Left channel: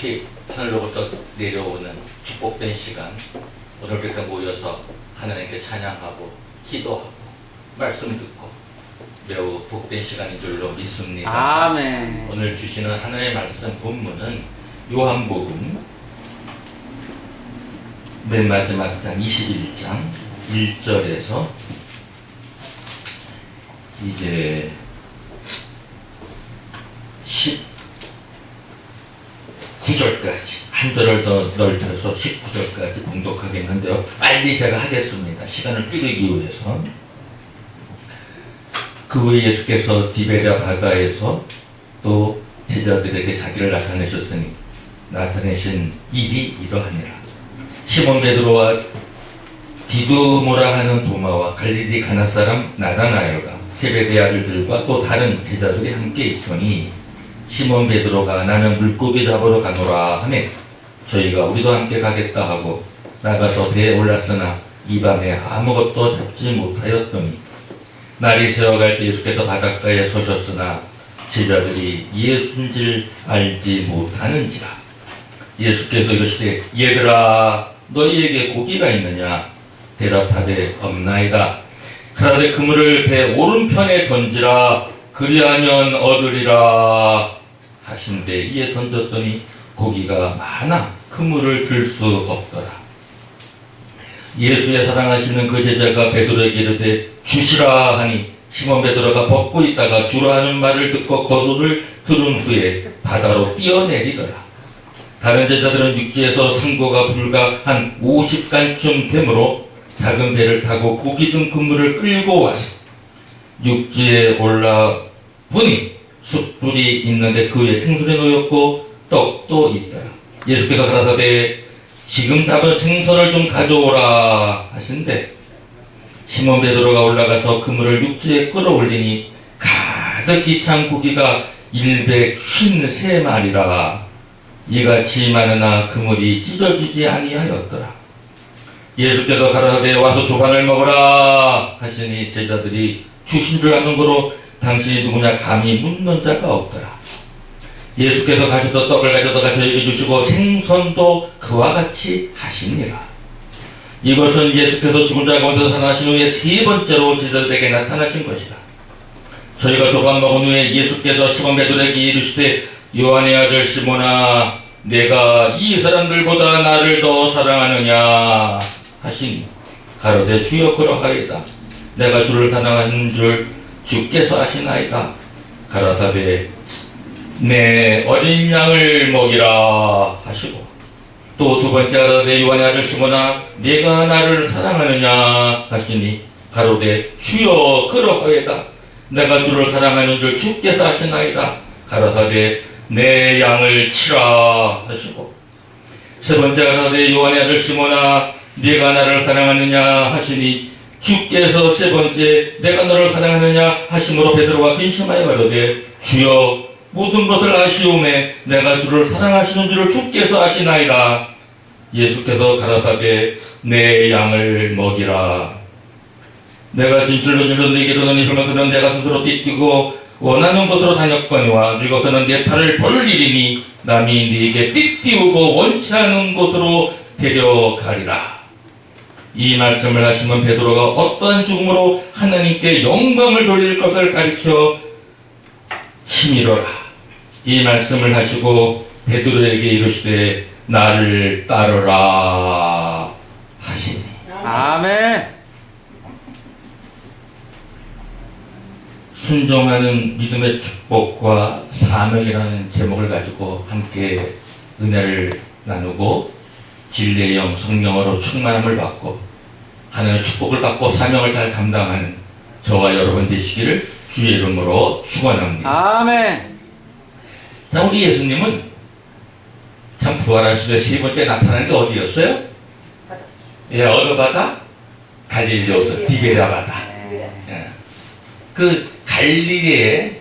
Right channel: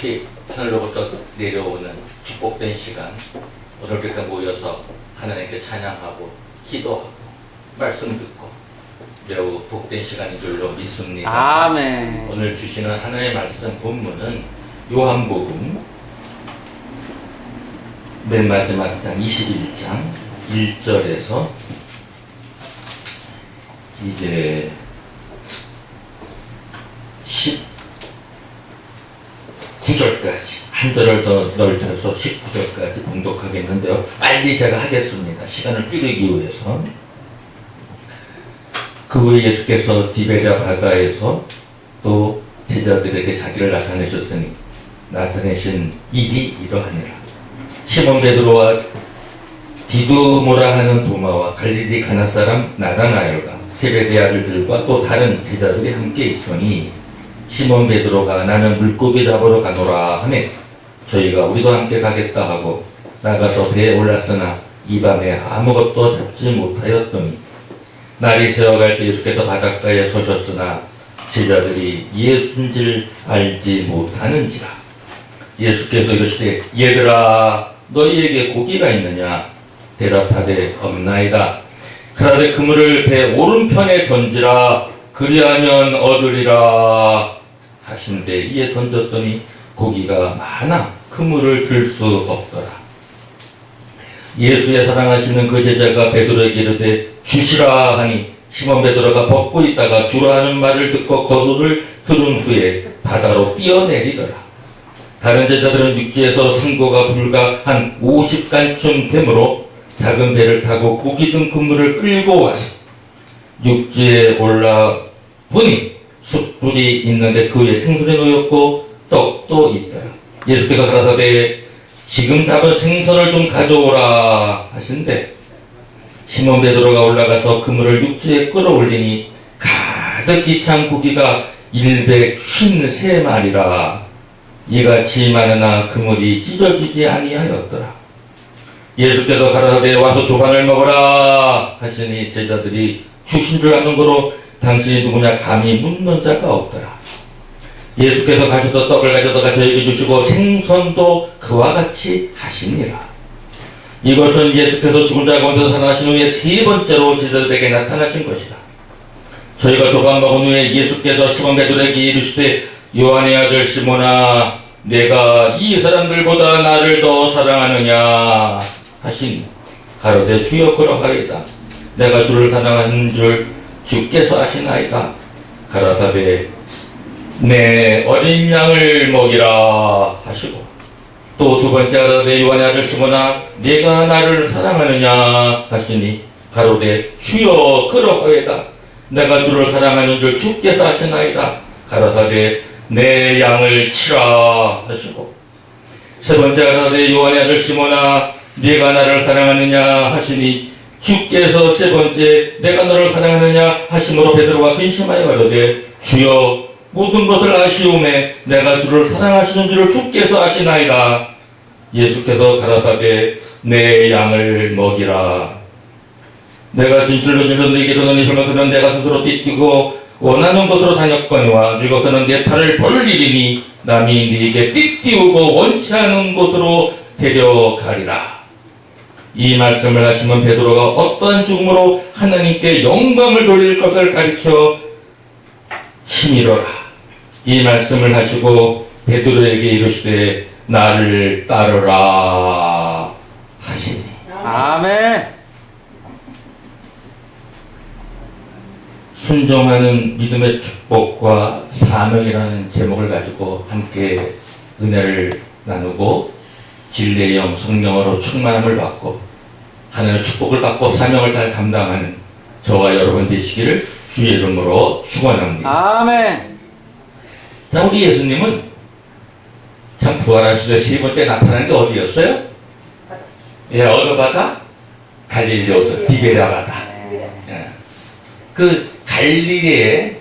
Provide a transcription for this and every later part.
특히 하늘로부터 내려오는 축복된 시간, 오늘 이렇게 모여서 하나님께 찬양하고 기도하고 말씀 듣고 매우 복된 시간인 줄로 믿습니다. 아멘. 오늘 주시는 하나님의 말씀 본문은 요한복음 맨 마지막 장 21장 1절에서 이제 19절까지 한 절을 더 넓혀서 19절까지 봉독하겠는데요. 빨리 제가 하겠습니다. 시간을 줄이기 위해서. 그 후에 예수께서 디베랴 바다에서 또 제자들에게 자기를 나타내신 일이 이러하니라. 시몬 베드로와 디두모라 하는 도마와 갈릴리 가나 사람 나다나엘과 세베대의 아들들과 또 다른 제자들이 함께 있더니 시몬 베드로가 나는 물고기 잡으러 가노라 하매 저희가 우리도 함께 가겠다 하고 나가서 배에 올랐으나 이 밤에 아무것도 잡지 못하였더니 날이 새어갈 때 예수께서 바닷가에 서셨으나 제자들이 예수인 줄 알지 못하는지라. 예수께서 이르시되 얘들아 너희에게 고기가 있느냐 대답하되 없나이다. 그러되 그물을 배 오른편에 던지라 그리하면 얻으리라 하신대 이에 던졌더니 고기가 많아 그물을 들 수 없더라. 예수의 사랑하시는 그 제자가 베드로에게 이르되 주시라 하니 시몬 베드로가 벗고 있다가 주라 하는 말을 듣고 거소를 들은 후에 바다로 뛰어내리더라. 다른 제자들은 육지에서 상고가 불과 한 50간쯤 되므로 작은 배를 타고 고기 든 그물을 끌고 와서 육지에 올라 보니 숯불이 있는데 그 위에 생선이 놓였고 떡도 있더라. 예수께서 가라사대 지금 잡은 생선을 좀 가져오라 하신대 시몬 베드로가 올라가서 그물을 육지에 끌어올리니 가득히 찬 고기가 153마리라. 이같이 많으나 그물이 찢어지지 아니하였더라. 예수께서 가라사대 와서 조반을 먹어라 하시니 제자들이 주신 줄 아는 거로 당신이 누구냐 감히 묻는 자가 없더라. 예수께서 가셔서 떡을 가져다가 저에게 주시고 생선도 그와 같이 하시니라. 이것은 예수께서 죽은 자 가운데서 살아나신 후에 세 번째로 제자들에게 나타나신 것이다. 저희가 조반 먹은 후에 예수께서 시몬 베드로에게 이르시되 요한의 아들 시몬아 내가 이 사람들보다 나를 더 사랑하느냐 하시니 가로되 주여 그러하이다. 내가 주를 사랑하는 줄 주께서 아시나이다. 가라사대 내 어린 양을 먹이라 하시고 또 두 번째 가라사대 요한의 아들 시몬아 내가 나를 사랑하느냐 하시니 가로되 주여 그러하이다. 내가 주를 사랑하는 줄 주께서 아시나이다. 가라사대 내 양을 치라 하시고 세 번째 가라사대 요한의 아들 시몬아 네가 나를 사랑하느냐 하시니 주께서 세 번째 내가 너를 사랑하느냐 하심으로 베드로가 근심하여 가로되 주여 모든 것을 아시오매 내가 주를 사랑하시는 줄을 주께서 아시나이다. 예수께서 가라사대 내 양을 먹이라. 내가 진실로 너에게 이르노니 그러면서는 내가 스스로 띠뛰고 원하는 곳으로 다녔거니와 이곳에는 내 팔을 벌리리니 남이 네게 띠띠우고 원치 않은 곳으로 데려가리라. 이 말씀을 하시면 베드로가 어떠한 죽음으로 하나님께 영광을 돌릴 것을 가리켜 치밀어라. 이 말씀을 하시고 베드로에게 이르시되 나를 따르라 하시니. 아멘. 순종하는 믿음의 축복과 사명이라는 제목을 가지고 함께 은혜를 나누고 진리의 영 성령으로 충만함을 받고 하나님의 축복을 받고 사명을 잘 감당하는 저와 여러분 되시기를 주의 이름으로 축원합니다. 아멘. 자, 우리 예수님은 참 부활하시되 세 번째 나타난 게 어디였어요? 예, 어느 바다? 갈릴리에서 디베랴 바다. 예. 그 갈릴리에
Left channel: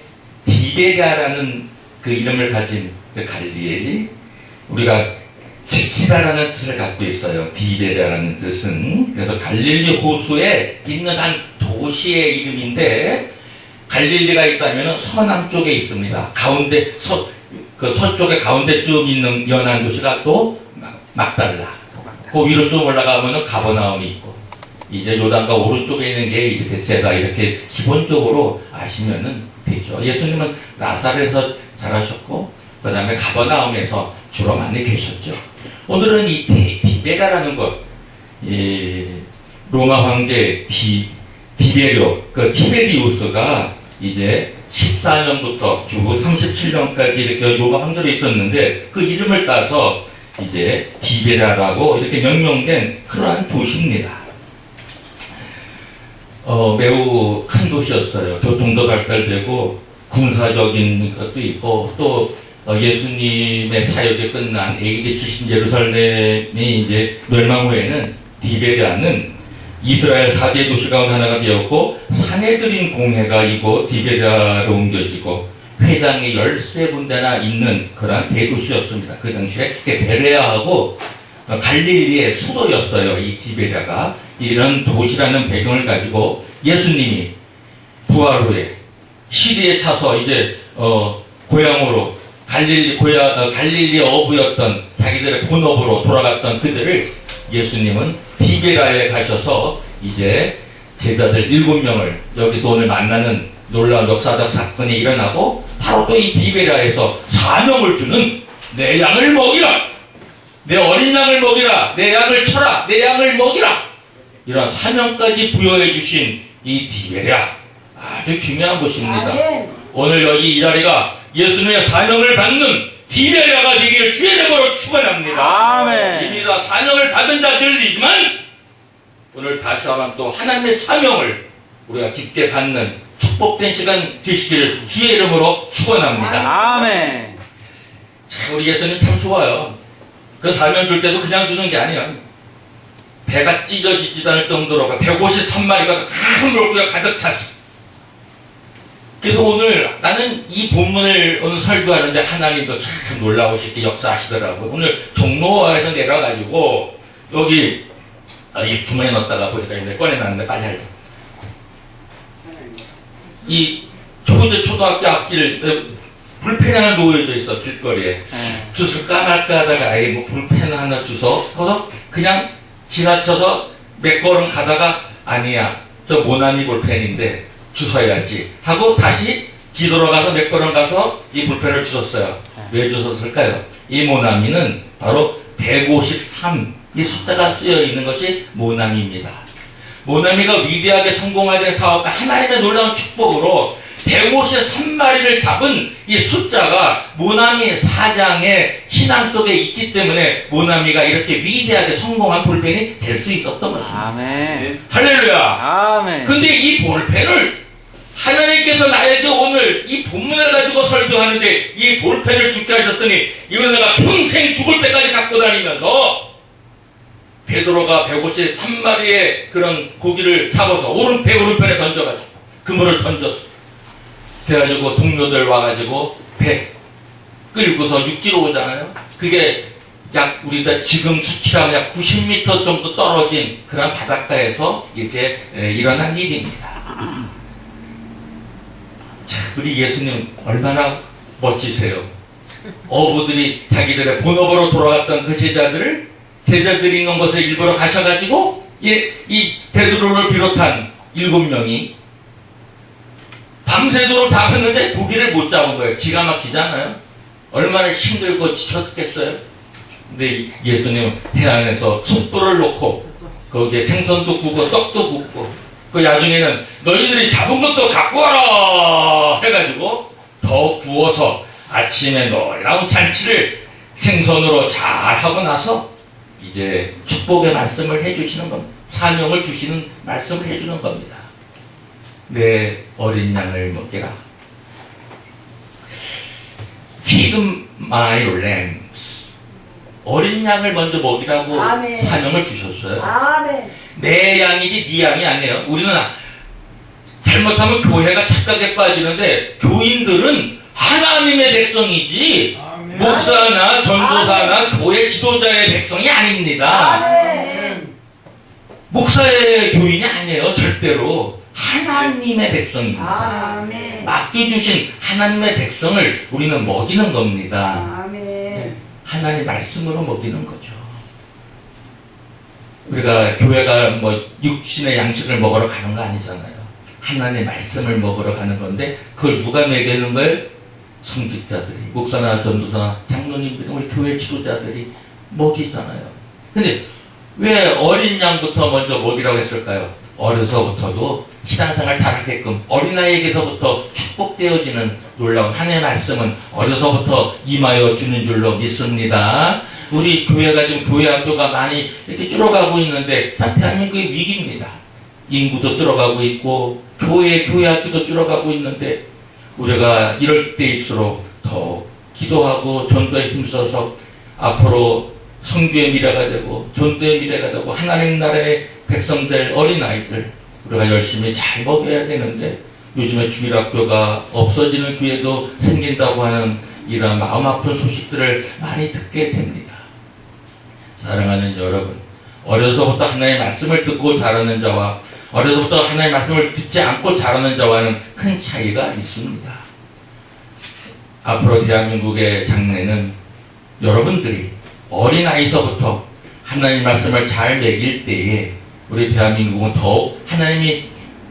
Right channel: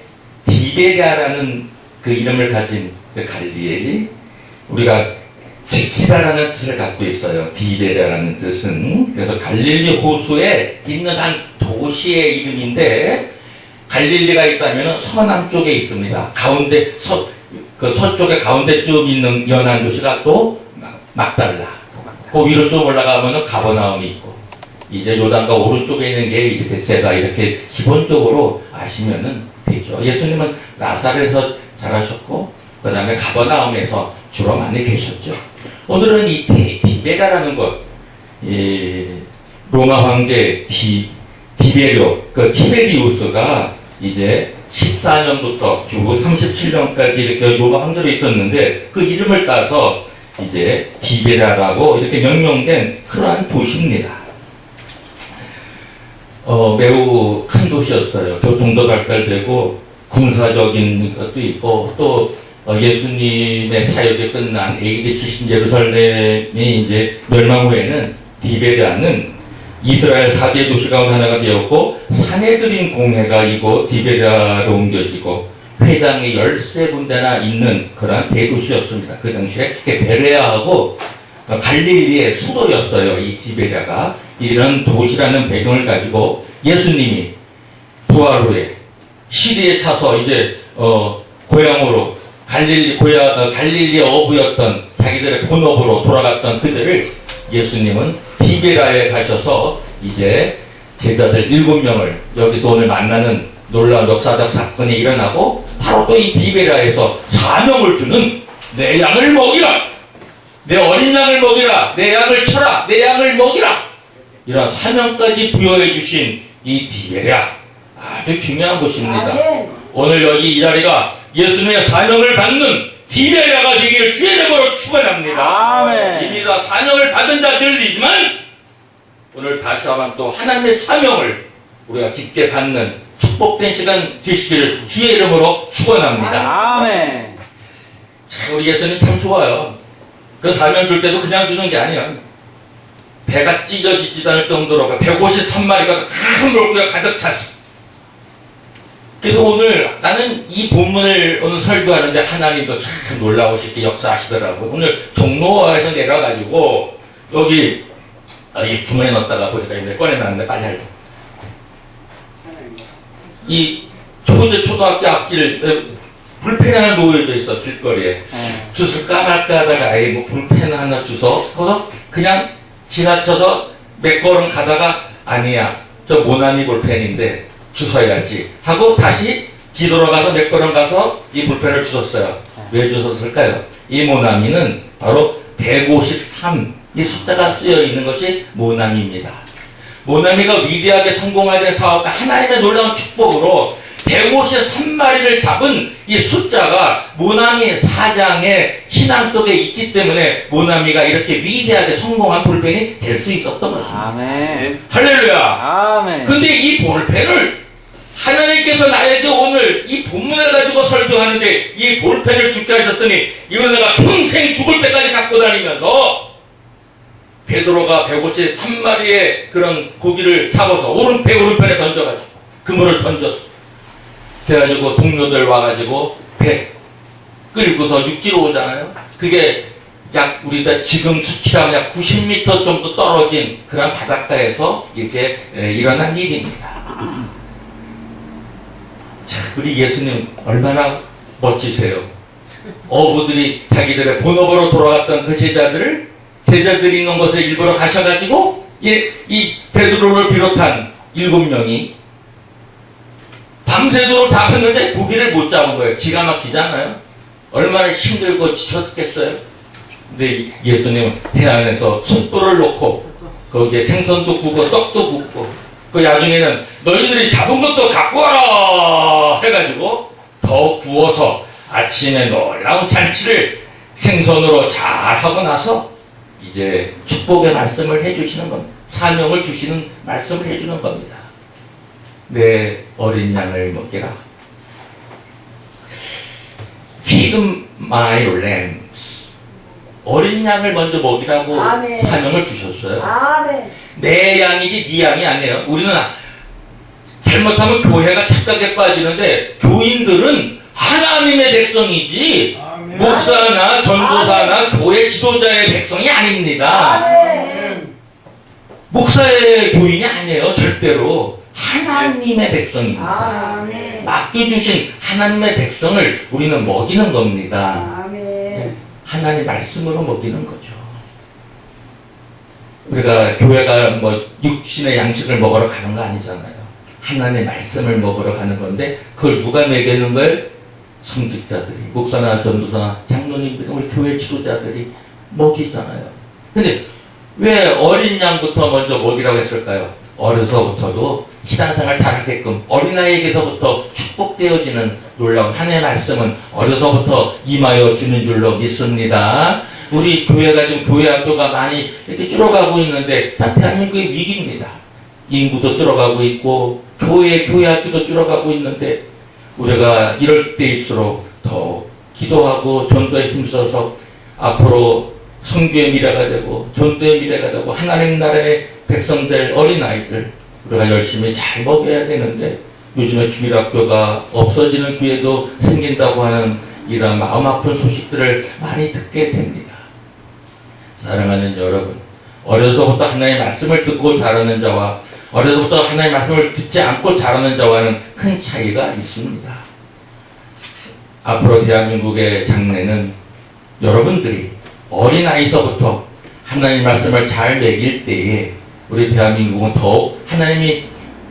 디베랴라는 그 이름을 가진 그 갈릴리, 우리가 지키다라는 뜻을 갖고 있어요. 디베랴라는 뜻은. 그래서 갈릴리 호수에 있는 한 도시의 이름인데 갈릴리가 있다면 서남쪽에 있습니다. 가운데 그 서쪽에 가운데쯤 있는 연안 도시가 또 막달라. 그 위로 좀 올라가면은 가버나움이 있고, 이제 요단가 오른쪽에 있는 게 이렇게 제가 이렇게 기본적으로 아시면은 되죠. 예수님은 나사렛에서 자라셨고, 그 다음에 가버나움에서 주로 많이 계셨죠. 오늘은 이 디베라라는 것, 로마 황제 디베료, 그 티베리우스가 이제 14년부터 주후 37년까지 이렇게 로마 황제로 있었는데, 그 이름을 따서 이제 디베라라고 이렇게 명명된 그러한 도시입니다. 매우 큰 도시였어요. 교통도 발달되고 군사적인 것도 있고, 또 예수님의 사역이 끝난 AD 70 예루살렘이 이제 멸망 후에는 디베라는 이스라엘 4대 도시 가운데 하나가 되었고, 사내들인 공회가 이곳 디베라로 옮겨지고 회당이 13군데나 있는 그러한 대도시였습니다. 그 당시에 베레아하고 갈릴리의 수도였어요. 이 디베라가. 이런 도시라는 배경을 가지고 예수님이 부활 후에 시리에 차서 이제 고향으로 갈릴리 어부였던 자기들의 본업으로 돌아갔던 그들을 예수님은 디베라에 가셔서 이제 제자들 7명을 여기서 오늘 만나는 놀라운 역사적 사건이 일어나고, 바로 또 이 디베라에서 사명을 주는 내 양을 먹이라, 내 어린 양을 먹이라, 내 양을 쳐라, 내 양을 먹이라, 이런 사명까지 부여해 주신 이 디베라, 아주 중요한 곳입니다. 오늘 여기 이 자리가 예수님의 사명을 받는 디베라가 되기를 주의 이름으로 축원합니다. 아멘. 이미 다 사명을 받은 자들이지만 오늘 다시 한번 또 하나님의 사명을 우리가 깊게 받는 축복된 시간 되시기를 주의 이름으로 축원합니다. 아멘. 우리 예수님 참 좋아요. 그 사명 줄 때도 그냥 주는 게 아니에요. 배가 찢어지지도 않을 정도로 153마리가 큰 물고기가 가득 찼어. 그래서 오늘 나는 이 본문을 오늘 설교하는데 하나님도 참 놀라우시게 역사하시더라고요. 오늘 종로에서 내려가지고 여기 이 주머니에 넣었다가 보니까 이제 꺼내놨는데 빨리 하려고. 이 초등학교 앞길 불펜 하나 놓여져 있어, 길거리에. 주술까 말까 하다가 아예 뭐 불펜 하나 주워 그래서 그냥 지나쳐서 몇 걸음 가다가 아니야, 저 모나미 볼펜인데 주워야지 하고 다시 뒤돌아가서 몇 걸음 가서 이 볼펜을 주웠어요. 왜 주웠을까요? 이 모나미는 바로 153, 이 숫자가 쓰여 있는 것이 모나미입니다. 모나미가 위대하게 성공하게 사업과 하나님의 놀라운 축복으로 153마리를 잡은 이 숫자가 모나미 사장의 신앙 속에 있기 때문에 모나미가 이렇게 위대하게 성공한 볼펜이 될 수 있었던 것입니다. 아멘. 할렐루야. 아멘. 근데 이 볼펜을 하나님께서 나에게 오늘 이 본문을 가지고 설교하는데 이 볼펜을 죽게 하셨으니 이건 내가 평생 죽을 때까지 갖고 다니면서, 베드로가 153마리의 그런 고기를 잡아서 배 오른편에 던져가지고 그물을 던졌어. 그래가지고 동료들 와가지고 배 끌고서 육지로 오잖아요. 그게 약 우리가 지금 수치랑 약 90m 정도 떨어진 그런 바닷가에서 이렇게 일어난 일입니다. 자, 우리 예수님 얼마나 멋지세요. 어부들이 자기들의 본업으로 돌아갔던 그 제자들이 있는 곳에 일부러 가셔가지고 이 베드로를 비롯한 7명이 밤새도록 잡혔는데 고기를 못 잡은 거예요. 기가 막히잖아요. 얼마나 힘들고 지쳤겠어요. 근데 예수님은 해안에서 숯불을 놓고 거기에 생선도 구고 떡도 굽고, 그 나중에는 너희들이 잡은 것도 갖고 와라 해가지고 더 구워서 아침에 놀라운 잔치를 생선으로 잘 하고 나서 이제 축복의 말씀을 해주시는 겁니다. 사명을 주시는 말씀을 해주는 겁니다. 내 어린 양을 먹이라. Feed my lambs. 어린 양을 먼저 먹이라고 아멘. 사명을 주셨어요. 아멘. 내 양이지 네 양이 아니에요. 우리는 잘못하면 교회가 착각에 빠지는데, 교인들은 하나님의 백성이지 목사나 전도사나 교회 지도자의 백성이 아닙니다. 아멘. 목사의 교인이 아니에요. 절대로. 하나님의 백성입니다. 아멘. 맡겨주신 하나님의 백성을 우리는 먹이는 겁니다. 아멘. 하나님 말씀으로 먹이는 거죠. 우리가 교회가 뭐 육신의 양식을 먹으러 가는 거 아니잖아요. 하나님의 말씀을 먹으러 가는 건데 그걸 누가 먹이는 거예요? 성직자들이, 목사나 전도사나 장로님들이, 우리 교회 지도자들이 먹이잖아요. 근데 왜 어린 양부터 먼저 먹이라고 했을까요? 어려서부터도 신앙생활 잘하게끔 어린아이에게서부터 축복되어지는 놀라운 하나님의 말씀은 어려서부터 임하여 주는 줄로 믿습니다. 우리 교회가 좀 교회 학교가 많이 이렇게 줄어가고 있는데 참 대한민국의 위기입니다. 인구도 줄어가고 있고 교회 학교도 줄어가고 있는데 우리가 이럴 때일수록 더 기도하고 전도에 힘써서 앞으로 성교의 미래가 되고 전도의 미래가 되고 하나님 나라의 백성들, 어린아이들 우리가 열심히 잘 먹여야 되는데 요즘에 주일학교가 없어지는 기회도 생긴다고 하는 이런 마음 아픈 소식들을 많이 듣게 됩니다. 사랑하는 여러분, 어려서부터 하나님의 말씀을 듣고 자라는 자와 어려서부터 하나님의 말씀을 듣지 않고 자라는 자와는 큰 차이가 있습니다. 앞으로 대한민국의 장래는 여러분들이 어린아이서부터 하나님 말씀을 잘 먹일 때에 우리 대한민국은 더욱 하나님이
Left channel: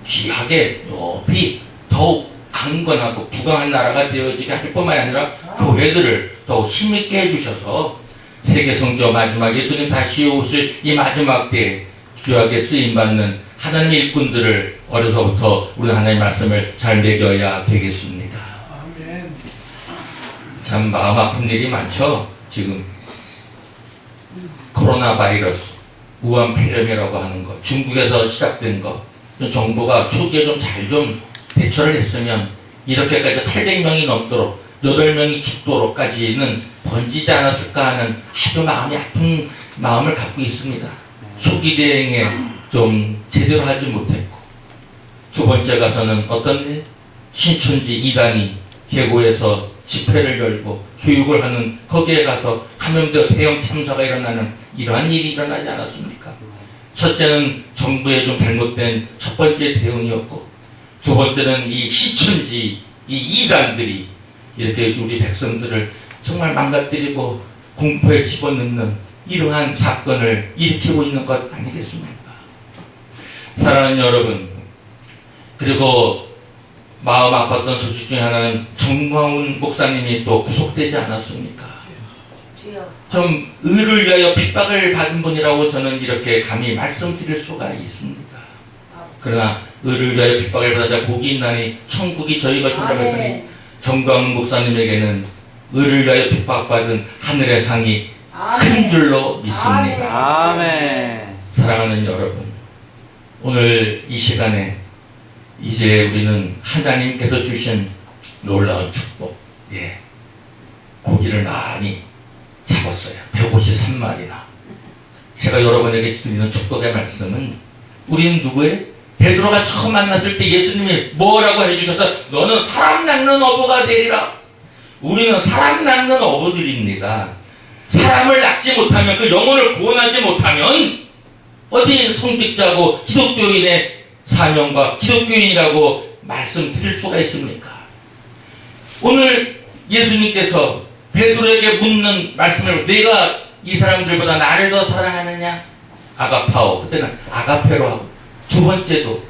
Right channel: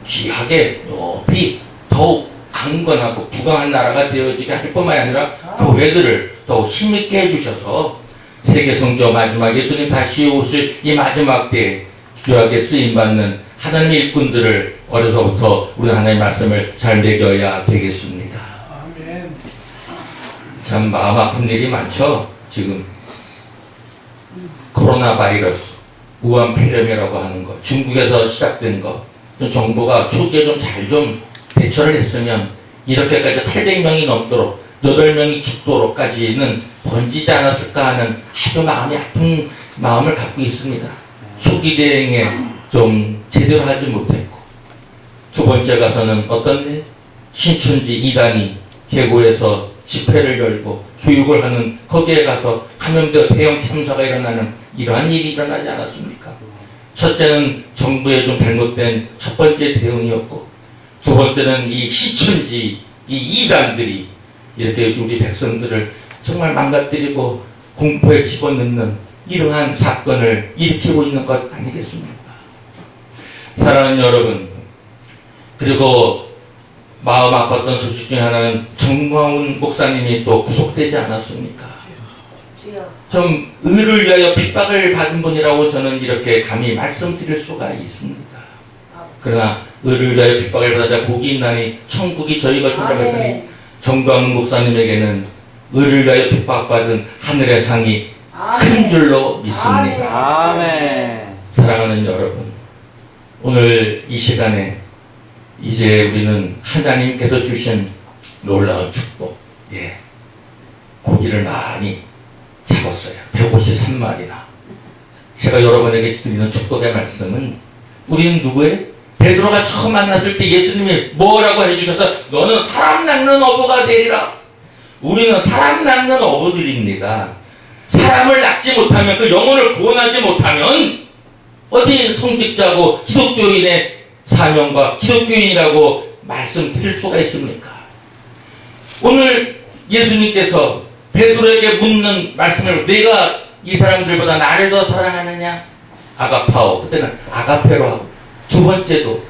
귀하게 높이 더욱 강건하고 부강한 나라가 되어지게 할 뿐만 아니라 교회들을 더욱 힘있게 해주셔서 세계성교 마지막 예수님 다시 오실 이 마지막 때에 귀하게 쓰임받는 하나님의 일꾼들을 어려서부터 우리 하나님의 말씀을 잘 먹여야 되겠습니다. 아멘. 참 마음 아픈 일이 많죠. 지금 코로나 바이러스, 우한 폐렴이라고 하는 것, 중국에서 시작된 것, 정부가 초기에 좀 잘 좀 대처를 했으면 이렇게까지 800명이 넘도록 8명이 죽도록까지는 번지지 않았을까 하는 아주 마음이 아픈 마음을 갖고 있습니다. 초기 대응에 좀 제대로 하지 못했고, 두 번째 가서는 어떤 일? 신천지 이단이 계고에서 집회를 열고 교육을 하는 거기에 가서 감염되어 대형 참사가 일어나는 이러한 일이 일어나지 않았습니까? 첫째는 정부의 좀 잘못된 첫 번째 대응이었고, 두 번째는 이 신천지 이 이단들이 이렇게 우리 백성들을 정말 망가뜨리고 공포에 집어넣는 이러한 사건을 일으키고 있는 것 아니겠습니까? 사랑하는 여러분, 그리고 마음 아팠던 소식 중에 하나는 정광훈 목사님이 또 구속되지 않았습니까? 주여. 좀 의를 위하여 핍박을 받은 분이라고 저는 이렇게 감히 말씀드릴 수가 있습니다. 그러나 의를 위하여 핍박을 받아 복이 있나니 천국이 저희 것이라고 했더니 정광훈 목사님에게는 의를 위하여 핍박받은 하늘의 상이 큰 줄로 믿습니다. 아멘. 사랑하는 여러분, 오늘 이 시간에 이제 우리는 하나님께서 주신 놀라운 축복, 고기를 많이 잡았어요. 153마리나. 제가 여러분에게 드리는 축복의 말씀은 우리는 누구예요? 베드로가 처음 만났을 때 예수님이 뭐라고 해주셔서 너는 사람 낳는 어부가 되리라. 우리는 사람 낳는 어부들입니다. 사람을 낳지 못하면 그 영혼을 구원하지 못하면 어디 성직자고 기독교인의 사명과 기독교인이라고 말씀드릴 수가 있습니까? 오늘 예수님께서 베드로에게 묻는 말씀을 내가 이 사람들보다 나를 더 사랑하느냐? 아가파오. 그때는 아가페로 하고 두 번째도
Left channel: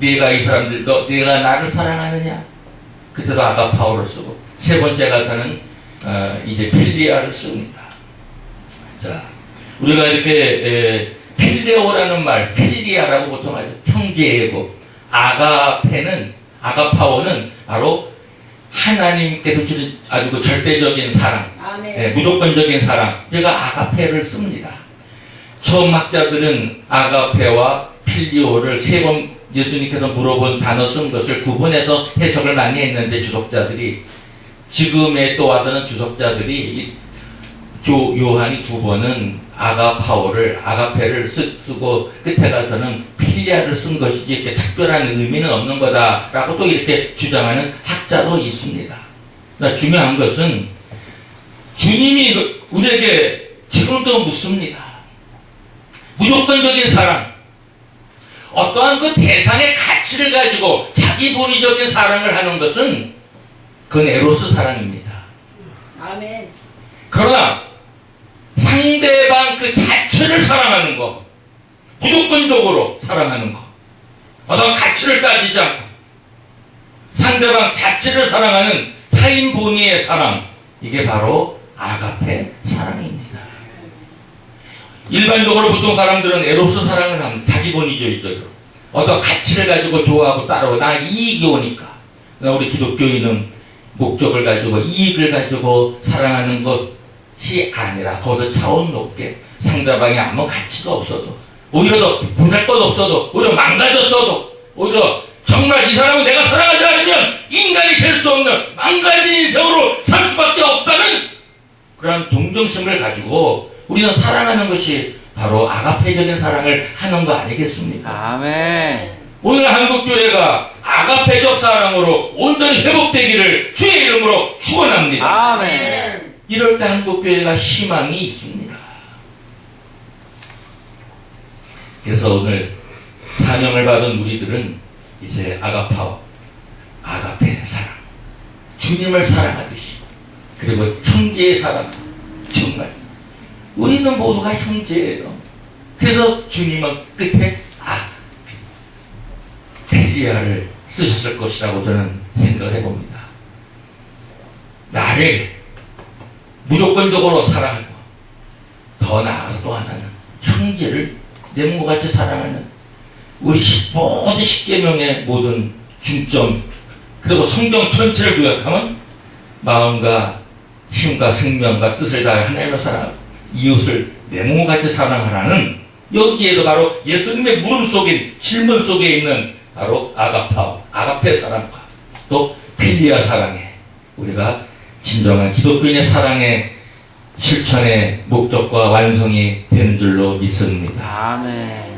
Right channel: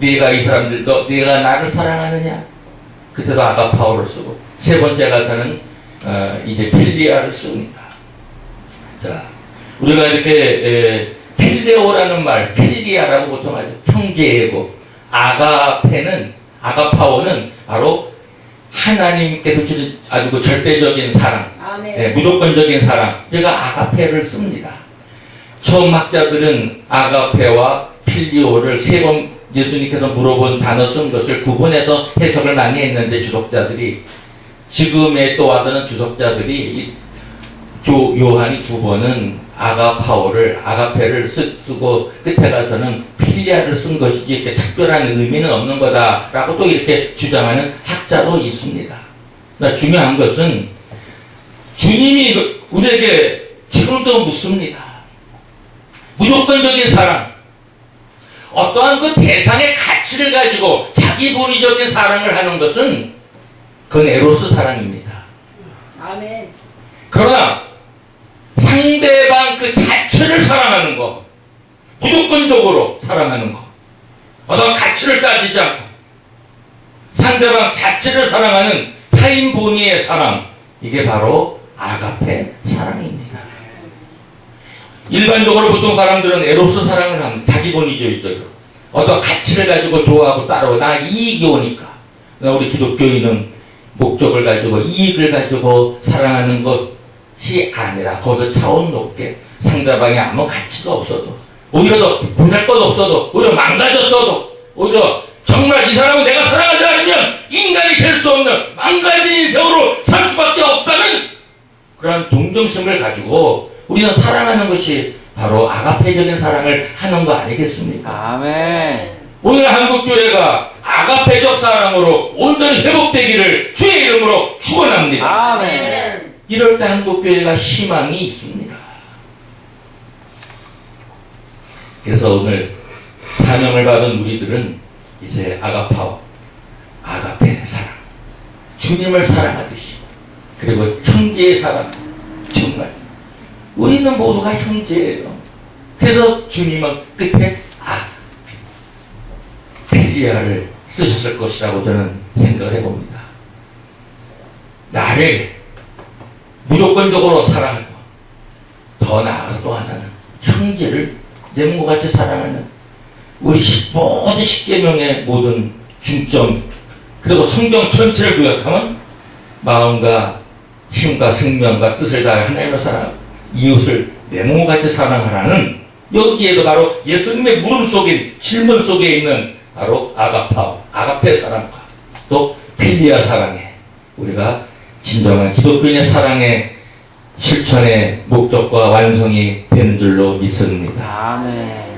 내가 이 사람들 내가 나를 사랑하느냐? 그때도 아가파오를 쓰고 세 번째 가서는 이제 필리아를 씁니다. 자, 우리가 이렇게 필레오라는 말, 필리아라고 보통 하죠. 형제애고 아가파오는 바로 하나님께서 주신 아주 그 절대적인 사랑, 무조건적인 사랑. 얘가 아가페를 씁니다. 처음 학자들은 아가페와 필리오를 세 번 예수님께서 물어본 단어 쓴 것을 구분해서 해석을 많이 했는데 주석자들이 지금에 또 와서는 주석자들이 요한이 두 번은 아가페를 쓰고 끝에 가서는 필리아를 쓴 것이지 이렇게 특별한 의미는 없는 거다라고 또 이렇게 주장하는 학자도 있습니다. 그러나 중요한 것은 주님이 우리에게 지금도 묻습니다. 무조건적인 사랑, 어떠한 그 대상의 가치 가치를 가지고 자기 본위적인 사랑을 하는 것은 그건 에로스 사랑입니다. 아멘. 그러나 상대방 그 자체를 사랑하는 거, 무조건적으로 사랑하는 거, 어떤 가치를 따지지 않고 상대방 자체를 사랑하는 타인 본위의 사랑, 이게 바로 아가페 사랑입니다. 일반적으로 보통 사람들은 에로스 사랑을 하면 자기 본위주의적으로 어떤 가치를 가지고 좋아하고 따르고 나 이익이 오니까. 그러나 우리 기독교인은 목적을 가지고 이익을 가지고 사랑하는 것이 아니라 거기서 차원 높게 상대방이 아무 가치가 없어도 오히려 더 보잘 것 없어도 오히려 망가졌어도 오히려 정말 이 사람은 내가 사랑하지 않으면 인간이 될 수 없는 망가진 인생으로 살 수밖에 없다는 그런 동정심을 가지고 우리는 사랑하는 것이 바로 아가페적인 사랑을 하는 거 아니겠습니까? 아멘. 오늘 한국교회가 아가페적 사랑으로 온전히 회복되기를 주의 이름으로 축원합니다. 아멘. 이럴 때 한국교회가 희망이 있습니다. 그래서 오늘 사명을 받은 우리들은 이제 아가파오, 아가페 사랑, 주님을 사랑하듯이 그리고 형제의 사랑, 정말 우리는 모두가 형제예요. 그래서 주님은 끝에 필리아를 쓰셨을 것이라고 저는 생각을 해봅니다. 나를 무조건적으로 사랑하고 더 나아가 또 하나는 형제를 내 몸과 같이 사랑하는 우리 모든 십계명의 모든 중점 그리고 성경 전체를 요약하면 마음과 힘과 생명과 뜻을 다해 하나님을 사랑하고 이웃을 내 몸과 같이 사랑하라는 여기에도 바로 예수님의 물음 속에 질문 속에 있는 바로 아가파오, 아가페 사랑과 또 필리아 사랑에 우리가 진정한 기독교인의 사랑의 실천의 목적과 완성이 되는 줄로 믿습니다. 아멘.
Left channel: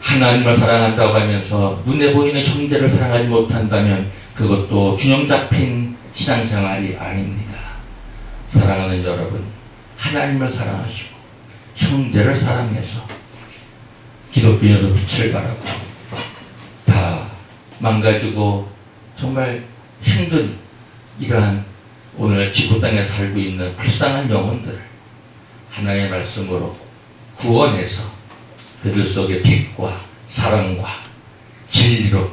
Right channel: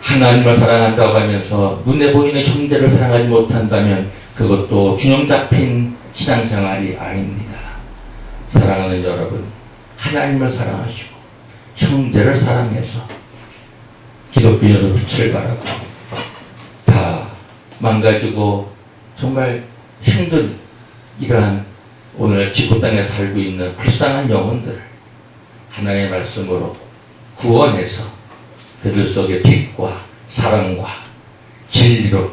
하나님을 사랑한다고 하면서 눈에 보이는 형제를 사랑하지 못한다면 그것도 균형 잡힌 신앙생활이 아닙니다. 사랑하는 여러분, 하나님을 사랑하시고 형제를 사랑해서 기독교인으로 빛을 발하고 다 망가지고 정말 힘든 이러한 오늘 지구 땅에 살고 있는 불쌍한 영혼들을 하나님의 말씀으로 구원해서 그들 속에 빛과 사랑과 진리로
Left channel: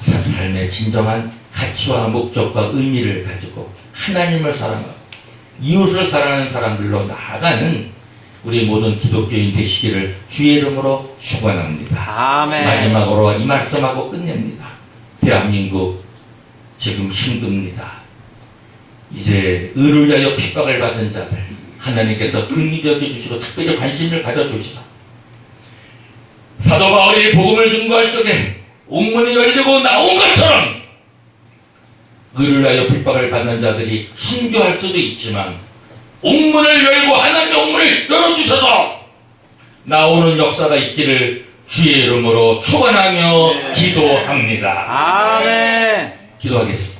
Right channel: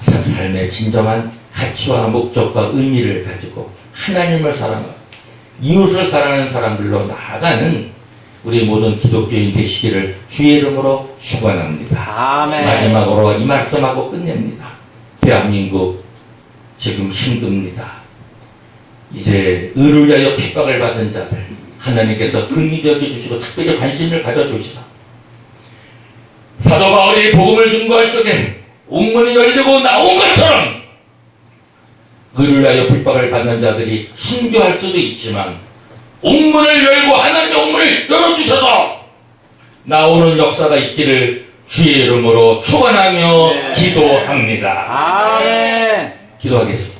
삶의 진정한 가치와 목적과 의미를 가지고 하나님을 사랑하고 이웃을 사랑하는 사람들로 나아가는 우리 모든 기독교인 되시기를 주의 이름으로 축원합니다. 아멘. 마지막으로 이 말씀하고 끝냅니다. 대한민국 지금 힘듭니다. 이제 의를 위하여 핍박을 받은 자들 하나님께서 긍휼히 여겨주시고 특별히 관심을 가져주시사 사도 바울이 복음을 증거할 적에 옥문이 열리고 나온 것처럼 의를 위하여 핍박을 받는 자들이 순교할 수도 있지만 옥문을 열고 하나님의 옥문을 열어주셔서 나오는 역사가 있기를 주의 이름으로 축원하며 기도합니다. 아멘. 기도하겠습니다.